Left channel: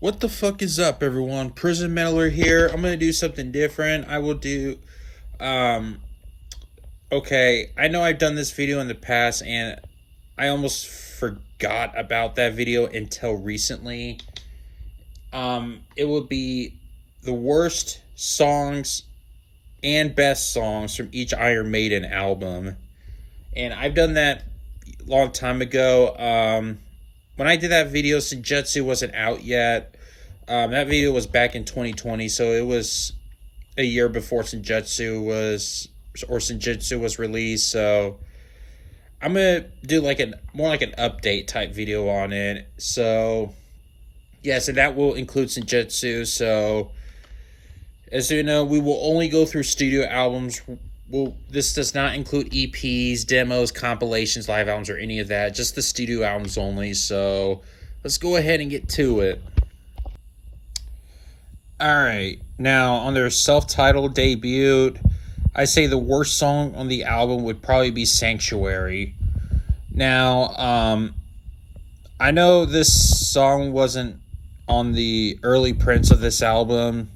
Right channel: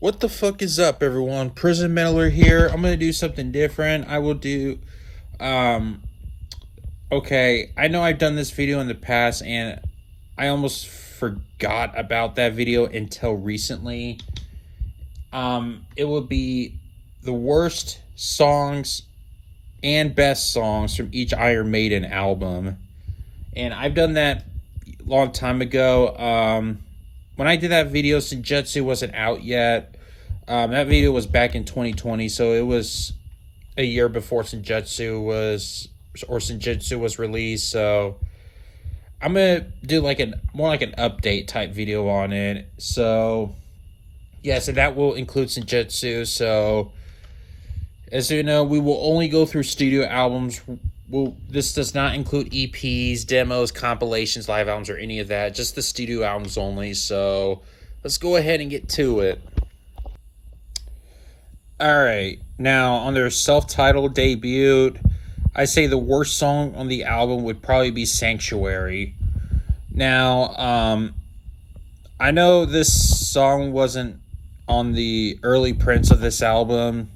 What the fuck is up, everyone? Prison Meddler here. I'm gonna do something different. I will do, um, okay, I know I've done this video in the past and I almost forgot about that video until recently. It will be the worst songs and best songs from each Iron Maiden album. And I've done that a long time ago. When I did that video, Senjutsu wasn't out yet. That video was back in 2020, so it was a year before Senjutsu was released. So I'm gonna do like more like an update type video on it. So yeah, so that will include Senjutsu. So as you know, we will only go through studio albums. This does not include EPs, demos, compilations, live albums, or any of that. Just the studio albums only. So let's go ahead and get to it. Alright, now on their self-titled debut, I say the worst song on the album would probably be Sanctuary. Now, I know this song wasn't on the early prints of this album,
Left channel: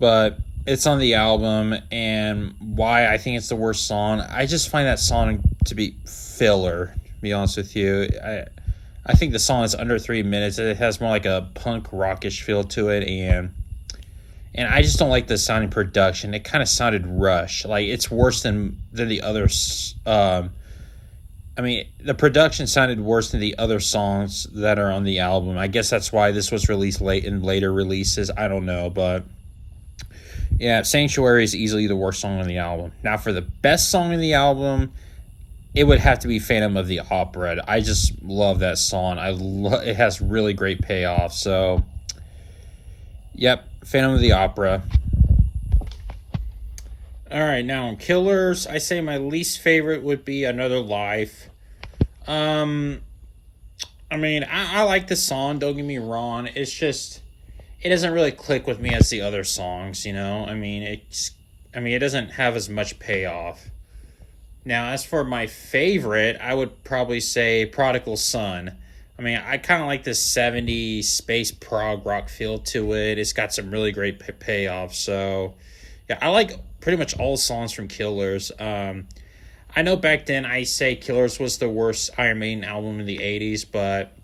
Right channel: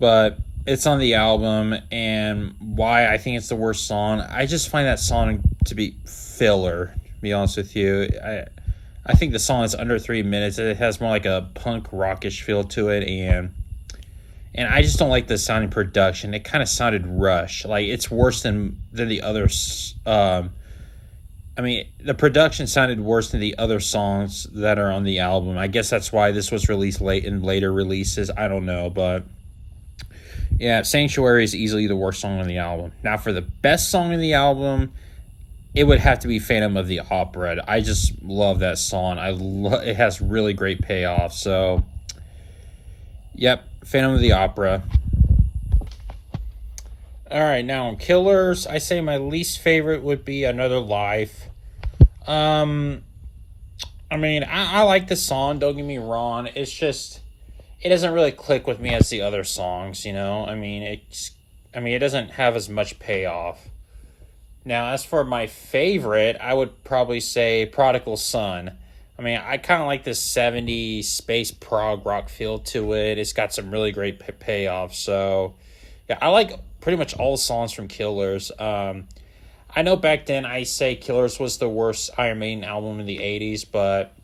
but it's on the album, and why I think it's the worst song, I just find that song to be filler, to be honest with you. I think the song is under 3 minutes. It has more like a punk rockish feel to it, and I just don't like the sound and production. It kind of sounded rushed. Like, it's worse than the others. I mean, the production sounded worse than the other songs that are on the album. I guess that's why this was released late in later releases. I don't know, but yeah, Sanctuary is easily the worst song on the album. Now, for the best song on the album, it would have to be Phantom of the Opera. I just love that song. It has really great payoff. So, yep, Phantom of the Opera. All right, now on Killers, I say my least favorite would be Another Life. I mean, I like the song, don't get me wrong. It's just, it doesn't really click with me as the other songs, you know? I mean, it doesn't have as much payoff. Now, as for my favorite, I would probably say Prodigal Son. I mean, I kind of like this 70s space prog rock feel to it. It's got some really great payoff. So, yeah, I like pretty much all songs from Killers. I know back then I say Killers was the worst Iron Maiden album in the 80s, but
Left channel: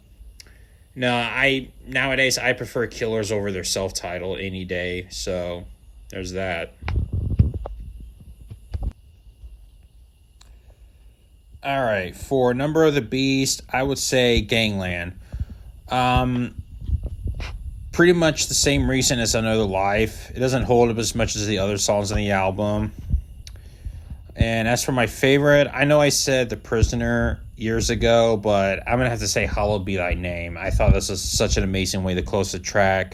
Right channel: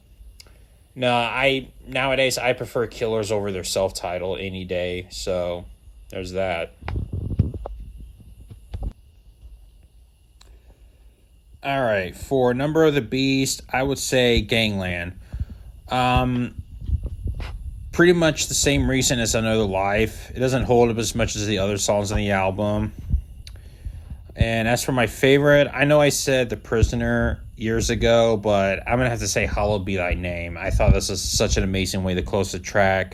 no, nowadays I prefer Killers over their self-titled any day. So, there's that. Alright, for Number of the Beast, I would say Gangland. Pretty much the same reason as Another Life. It doesn't hold up as much as the other songs on the album. And as for my favorite, I know I said The Prisoner years ago, but I'm going to have to say Hallowed Be Thy Name. I thought this was such an amazing way to close the track.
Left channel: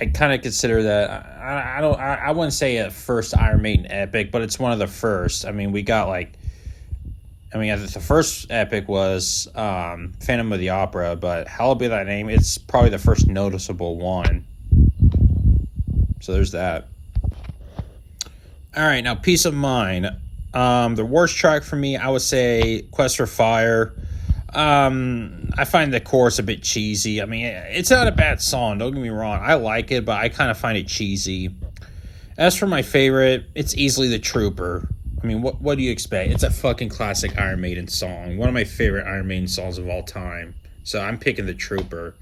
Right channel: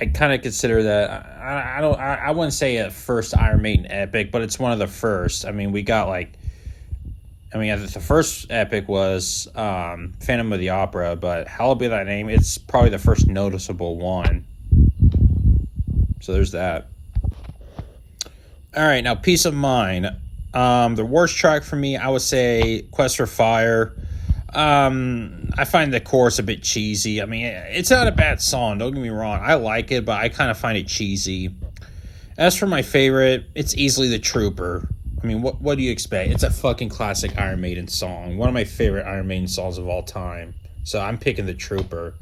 I kind of consider that, I wouldn't say a first Iron Maiden epic, but it's one of the first. I mean, we got the first epic was Phantom of the Opera, but Hallowed Be Thy Name, it's probably the first noticeable one. So there's that. Alright, now Peace of Mind. The worst track for me, I would say Quest for Fire. I find the chorus a bit cheesy. I mean, it's not a bad song, don't get me wrong. I like it, but I kind of find it cheesy. As for my favorite, it's easily The Trooper. I mean, what do you expect? It's a fucking classic Iron Maiden song. One of my favorite Iron Maiden songs of all time. So I'm picking The Trooper.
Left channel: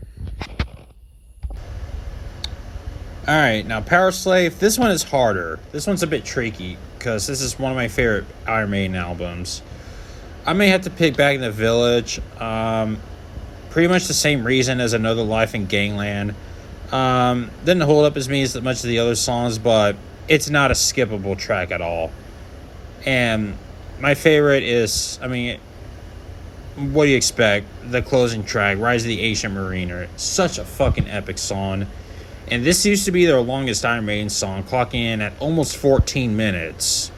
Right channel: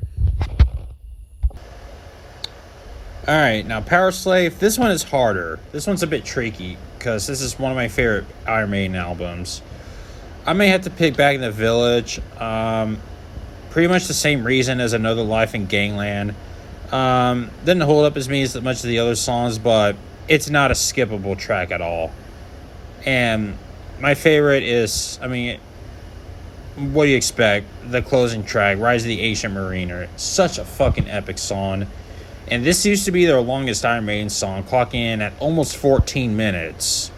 Alright, now Power Slave. This one is harder. This one's a bit tricky, because this is one of my favorite Iron Maiden albums. I may have to pick Back in the Village. Pretty much the same reason as Another Life and Gangland. Didn't hold up as much as the other songs, but it's not a skippable track at all. And my favorite is, I mean, what do you expect? The closing track, Rise of the Ancient Mariner. Such a fucking epic song. And this used to be their longest Iron Maiden song, clocking in at almost 14 minutes,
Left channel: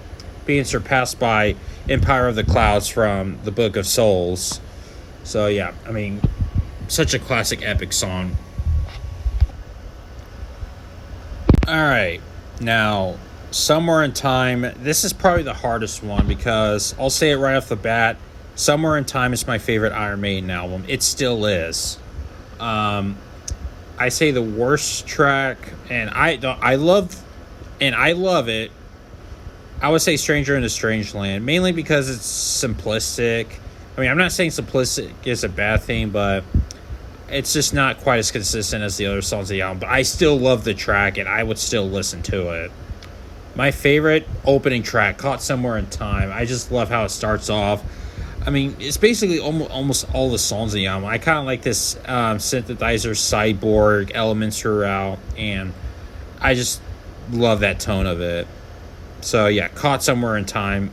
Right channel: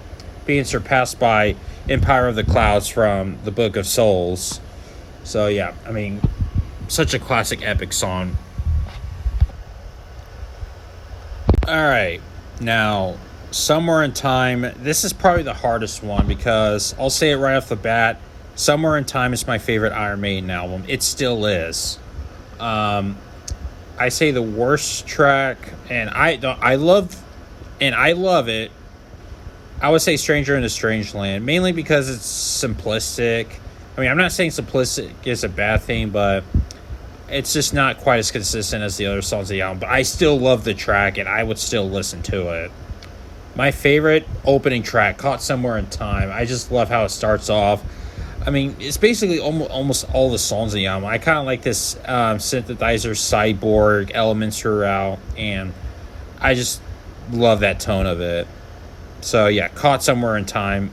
being surpassed by Empire of the Clouds from the Book of Souls. So yeah, I mean, such a classic epic song. Alright, now Somewhere in Time. This is probably the hardest one, because I'll say it right off the bat, Somewhere in Time is my favorite Iron Maiden album. It still is. I say the worst track, and I love it. I would say Stranger in a Strange Land, mainly because it's simplistic. I mean, I'm not saying simplistic is a bad thing, but it's just not quite as consistent as the other songs of the album. But I still love the track, and I would still listen to it. My favorite opening track, Caught Somewhere in Time. I just love how it starts off. I mean, it's basically almost all the songs in the album. I kind of like this synthesizer, cyborg elements throughout, and I just love that tone of it. So yeah, Caught Somewhere in Time,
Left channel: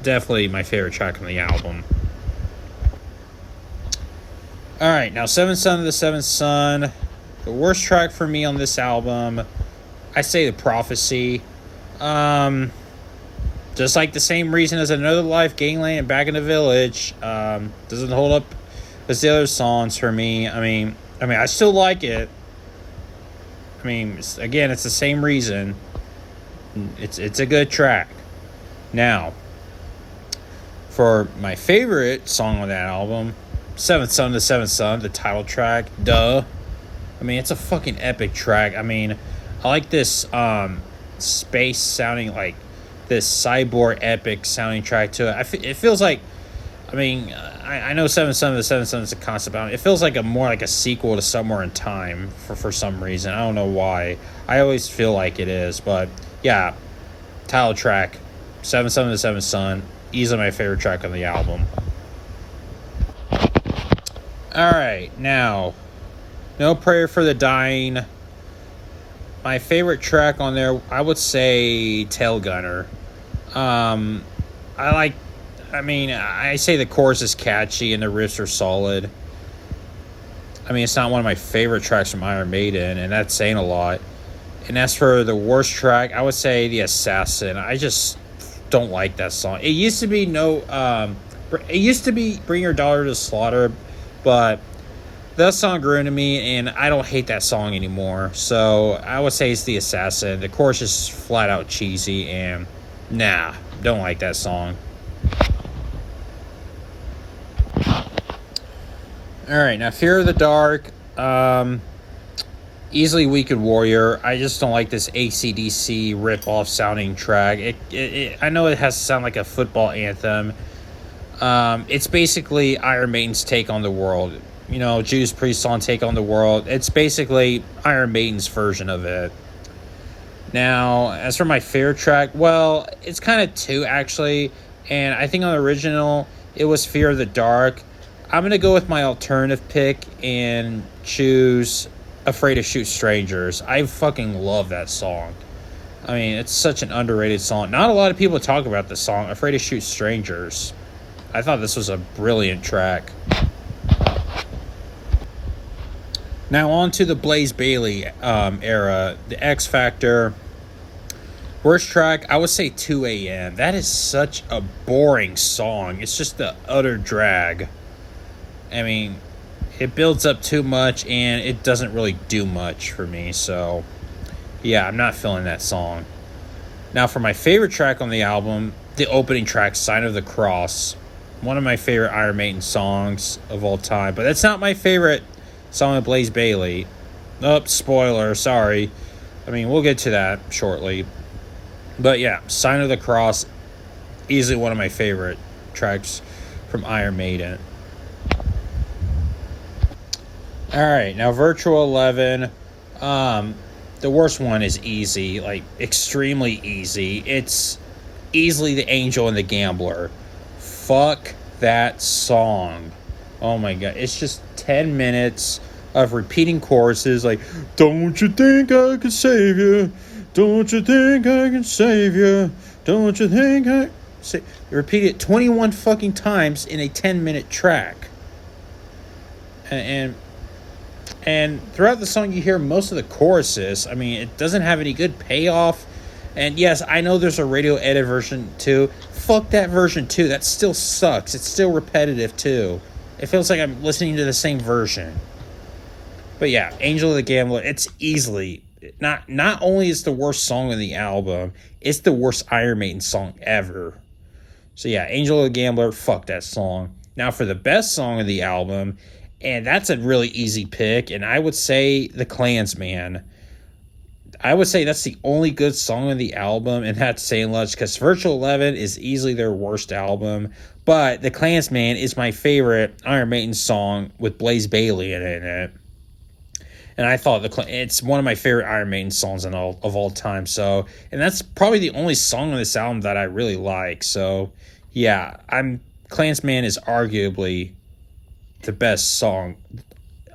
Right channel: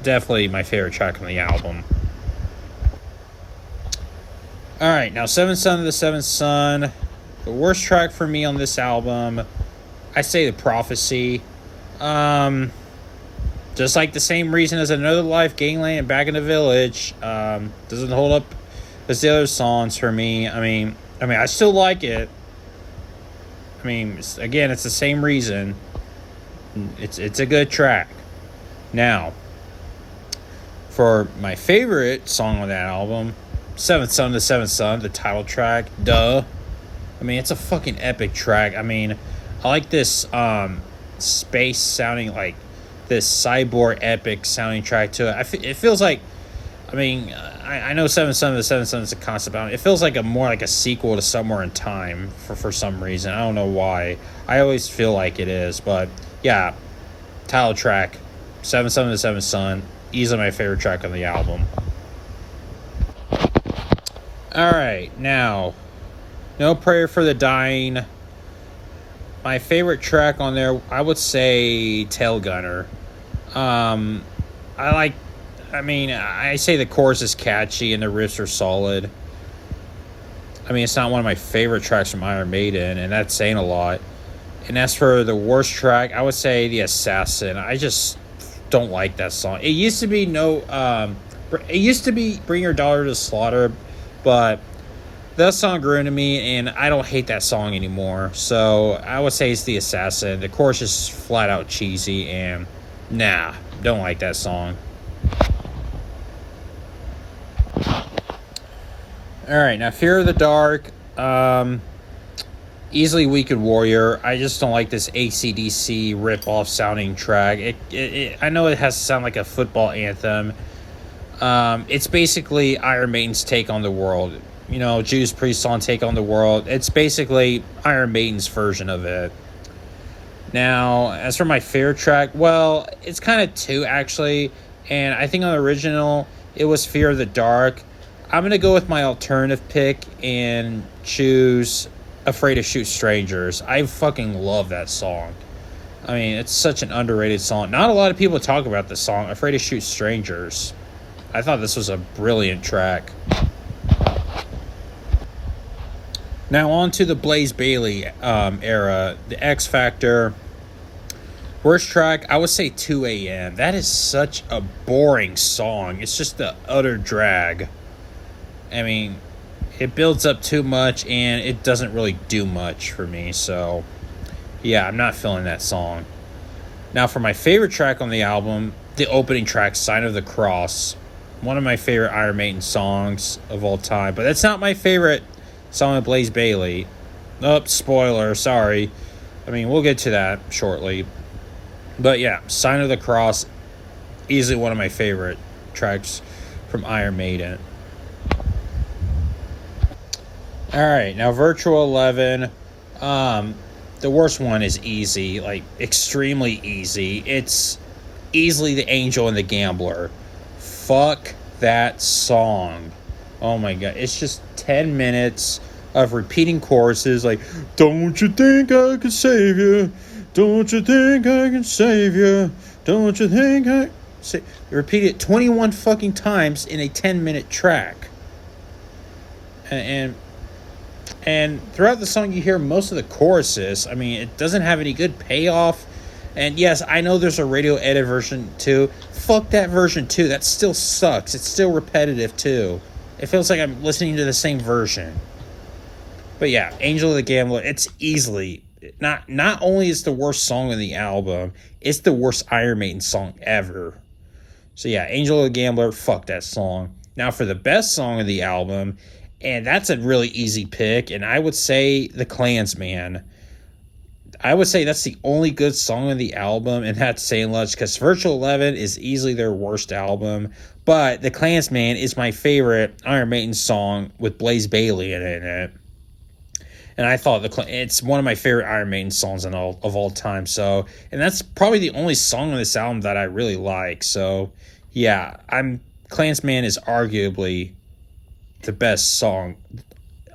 definitely my favorite track on the album. Alright, now Seventh Son of the Seventh Son. The worst track for me on this album, I say The Prophecy. Just like the same reason as Another Life, Gangland, and Back in the Village. Doesn't hold up as the other songs for me. I mean, I still like it. I mean, again, it's the same reason. It's a good track. Now, for my favorite song on that album, Seventh Son of the Seventh Son, the title track, duh. I mean, it's a fucking epic track. I mean, I like this space sounding, like this cyborg epic sounding track to it. It feels like, I mean, I know Seventh Son of the Seventh Son is a concept album. It feels like more like a sequel to Somewhere in Time for some reason. I don't know why. I always feel like it is, but yeah, title track, Seventh Son of the Seventh Son, easily my favorite track on the album. Alright, now, No Prayer for the Dying. My favorite track on there, I would say Tail Gunner. I say the chorus is catchy and the riffs are solid. I mean, it's not one of my favorite tracks from Iron Maiden, and that's saying a lot. And as for the worst track, I would say The Assassin. I just don't like that song. It used to be Bring Your Daughter to the Slaughter, but that song grew into me, and I don't hate that song anymore. So I would say it's The Assassin. The chorus is flat out cheesy, and don't like that song. Alright, now Fear of the Dark. Easily Weekend Warrior. I just don't like this AC/DC rip-off sounding track. I know it has to sound like a football anthem. It's basically Iron Maiden's take on the world. You know, Judas Priest song Take on the World. It's basically Iron Maiden's version of it. Now, as for my favorite track, well, it's kind of two, actually. And I think on the original, it was Fear of the Dark. I'm going to go with my alternative pick and choose Afraid to Shoot Strangers. I fucking love that song. I mean, it's such an underrated song. Not a lot of people talk about this song, Afraid to Shoot Strangers. I thought this was a brilliant track. Now on to the Blaze Bayley era, the X Factor. Worst track, I would say 2 a.m. That is such a boring song. It's just the utter drag. I mean, it builds up too much and it doesn't really do much for me. So, yeah, I'm not feeling that song. Now for my favorite track on the album, the opening track, Sign of the Cross. One of my favorite Iron Maiden songs of all time. But that's not my favorite song of Blaze Bayley. Oh, spoiler, sorry. I mean, we'll get to that shortly. But yeah, Sign of the Cross, easily one of my favorite tracks from Iron Maiden. Alright, now Virtual 11. The worst one is easy, like extremely easy. It's easily The Angel and the Gambler. Fuck that song. Oh my god, it's just 10 minutes of repeating choruses like, don't you think I can save you? Don't you think I can save you? Don't you think I... Repeat it 21 fucking times in a 10-minute track. And throughout the song you hear most of the choruses. I mean, it doesn't have any good payoff. And yes, I know there's a radio edit version too. Fuck that version too. That still sucks. It's still repetitive too. It feels like I'm listening to the same version. But yeah, Angel of the Gambler, it's easily... Not only is the worst song on the album, it's the worst Iron Maiden song ever. So yeah, Angel of the Gambler, fuck that song. Now for the best song of the album, And that's a really easy pick. And I would say The Klansman. I would say that's the only good song on the album, and that's saying much because Virtual 11 is easily their worst album. But The Klansman is my favorite Iron Maiden song with Blaze Bayley in it. And I thought it's one of my favorite Iron Maiden songs of all time. So, and that's probably the only song on this album that I really like. So, yeah, Klansman is arguably the best song,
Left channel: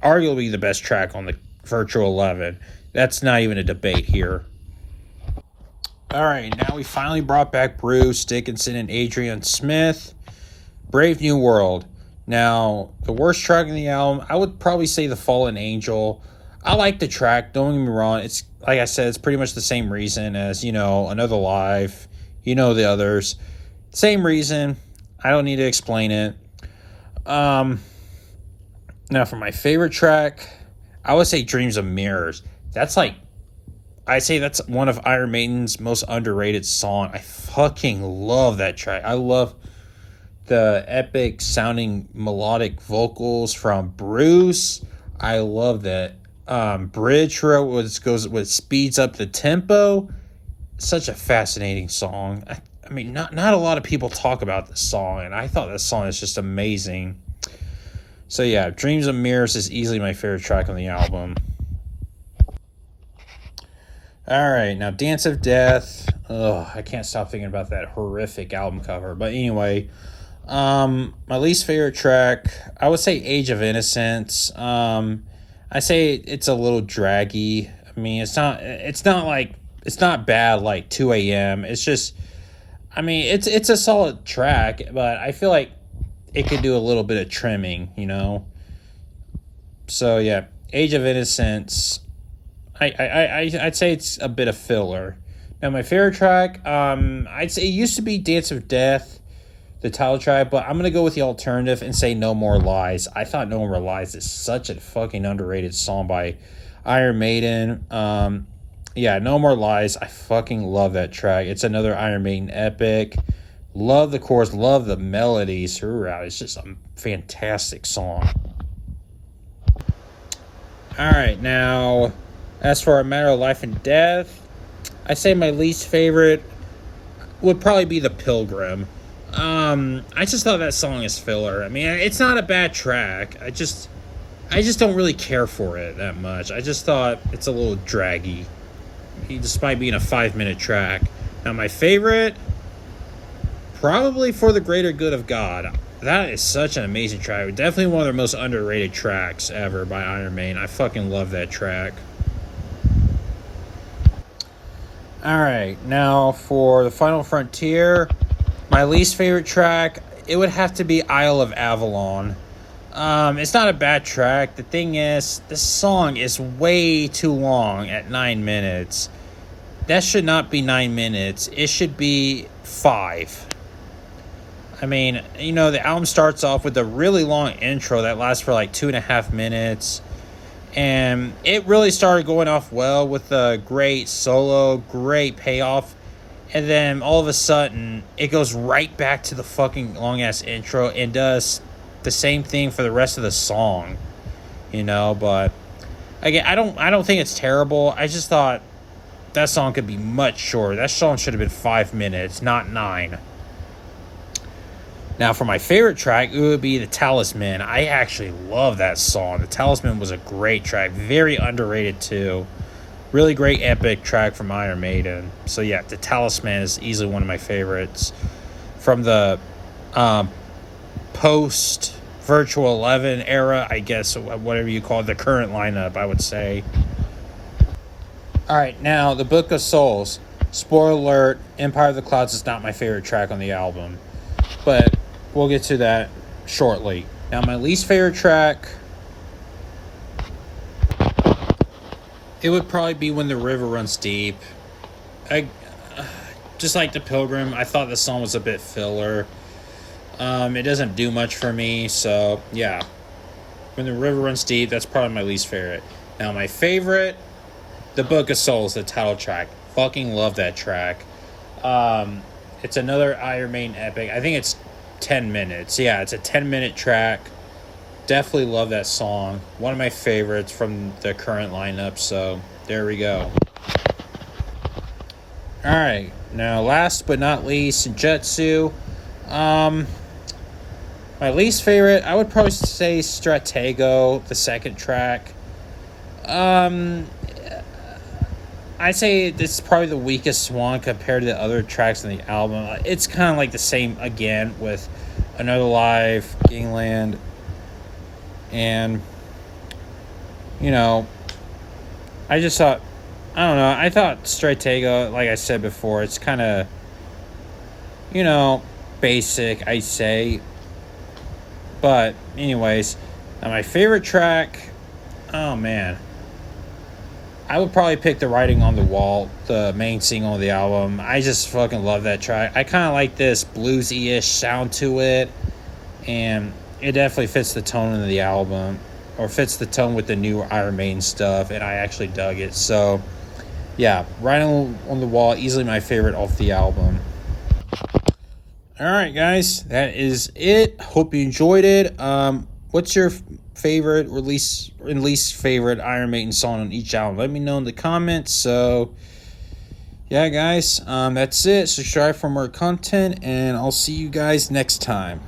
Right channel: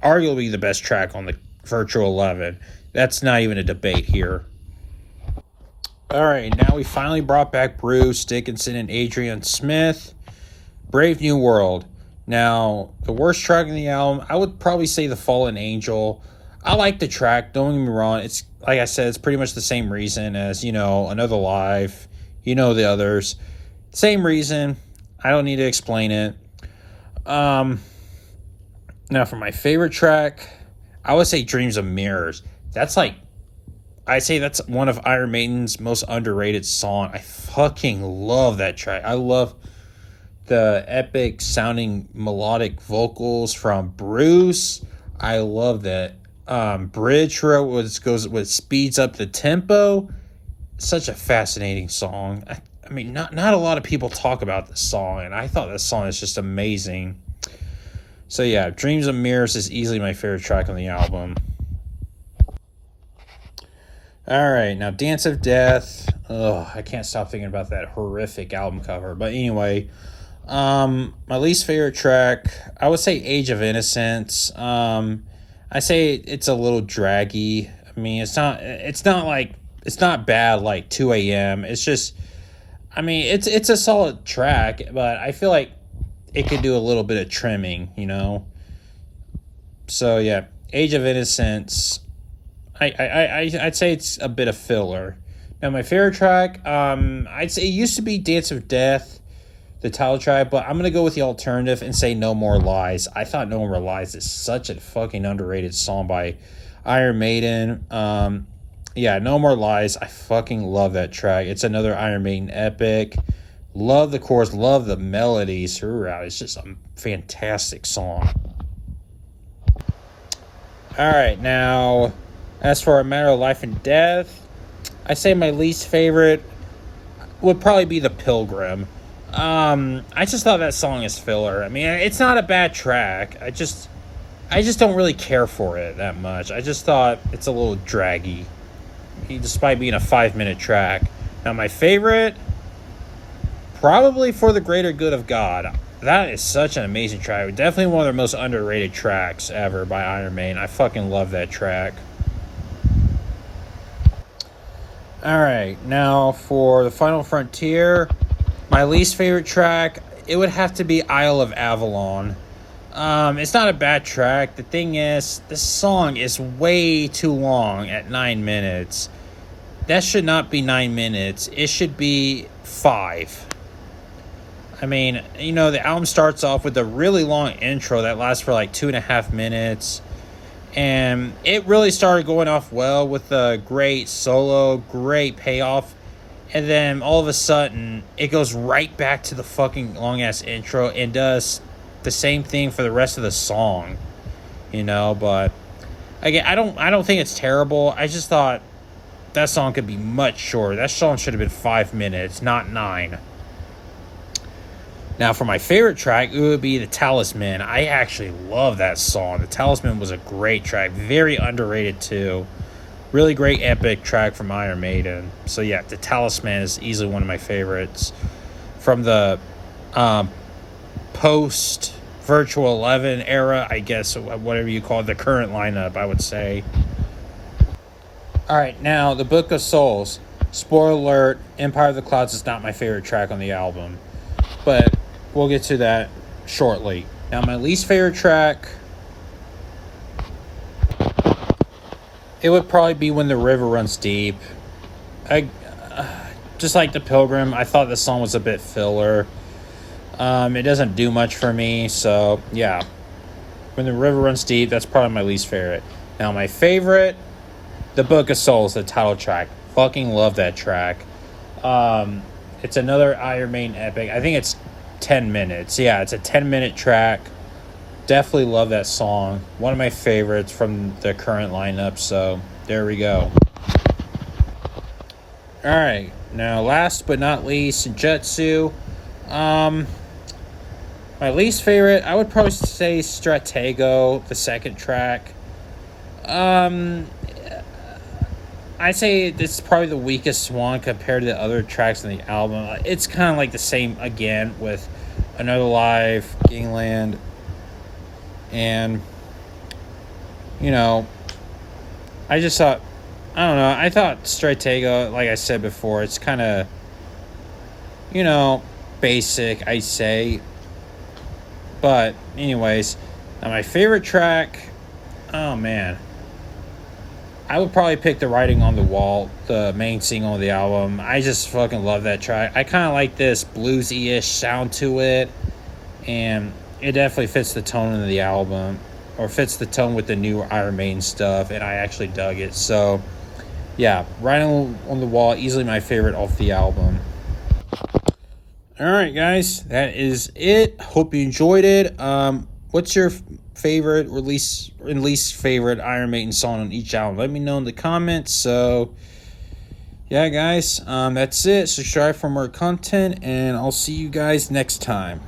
arguably the best track on the Virtual 11. That's not even a debate here. All right, now we finally brought back Bruce Dickinson and Adrian Smith. Brave New World. Now, the worst track on the album, I would probably say The Fallen Angel. I like the track, don't get me wrong. It's, like I said, it's pretty much the same reason as, Another Life, the others. Same reason. I don't need to explain it. Now, for my favorite track, I would say Dreams of Mirrors. That's that's one of Iron Maiden's most underrated songs. I fucking love that track. I love the epic sounding melodic vocals from Bruce. I love that bridge where it speeds up the tempo. Such a fascinating song. I mean, not a lot of people talk about this song, and I thought this song is just amazing. So yeah, Dreams of Mirrors is easily my favorite track on the album. Alright, now Dance of Death. Oh, I can't stop thinking about that horrific album cover. But anyway, my least favorite track, I would say Age of Innocence. I say it's a little draggy. I mean, it's not bad like 2 a.m. It's just, I mean, it's a solid track, but I feel like it could do a little bit of trimming, So yeah, Age of Innocence. I'd say it's a bit of filler. Now my favorite track, I'd say it used to be Dance of Death, the title track, but I'm gonna go with the alternative and say No More Lies. I thought No More Lies is such a fucking underrated song by Iron Maiden. Yeah, No More Lies. I fucking love that track. It's another Iron Maiden epic. Love the chorus, love the melodies throughout. It's just a fantastic song. Alright, now, as for A Matter of Life and Death, I say my least favorite would probably be The Pilgrim. I just thought that song is filler. I mean, it's not a bad track. I just don't really care for it that much. I just thought it's a little draggy, despite being a 5-minute track. Now, my favorite, probably For the Greater Good of God. That is such an amazing track. Definitely one of the most underrated tracks ever by Iron Maiden. I fucking love that track. Alright, now for The Final Frontier, my least favorite track, it would have to be Isle of Avalon. It's not a bad track. The thing is, this song is way too long at 9 minutes. That should not be 9 minutes. It should be 5. I mean, the album starts off with a really long intro that lasts for like 2.5 minutes. And it really started going off well with a great solo, great payoff. And then all of a sudden, it goes right back to the fucking long-ass intro and does the same thing for the rest of the song. But again, I don't think it's terrible. I just thought that song could be much shorter. That song should have been 5 minutes, not 9. Now, for my favorite track, it would be The Talisman. I actually love that song. The Talisman was a great track. Very underrated, too. Really great epic track from Iron Maiden. So, yeah, The Talisman is easily one of my favorites. From the post-Virtual 11 era, I guess, whatever you call it, the current lineup, I would say. Alright, now, The Book of Souls. Spoiler alert, Empire of the Clouds is not my favorite track on the album. But we'll get to that shortly. Now, my least favorite track, it would probably be When the River Runs Deep. Just like The Pilgrim, I thought this song was a bit filler. It doesn't do much for me, so yeah. When the River Runs Deep, that's probably my least favorite. Now, my favorite, The Book of Souls, the title track. Fucking love that track. It's another Iron Maiden epic. I think it's 10 minutes. Yeah, it's a 10-minute track. definitely love that song. One of my favorites from the current lineup. So there we go. All right, now last but not least, Jetsu. My least favorite, I would probably say Stratego, the second track. I'd say this is probably the weakest one compared to the other tracks in the album. It's kind of like the same again with Another Life, Gangland, and I just thought, I don't know, I thought Stratego, like I said before, it's kind of basic, I say. But anyways, my favorite track, oh man, I would probably pick The Writing on the Wall, the main single of the album. I just fucking love that track. I kind of like this bluesy-ish sound to it, and it definitely fits the tone of the album, or fits the tone with the new Iron Maiden stuff, and I actually dug it. So, yeah, Writing on the Wall, easily my favorite off the album. Alright, guys, that is it. Hope you enjoyed it. What's your favorite or least favorite Iron Maiden song on each album? Let me know in the comments. So, yeah, guys, that's it. Subscribe for more content, and I'll see you guys next time.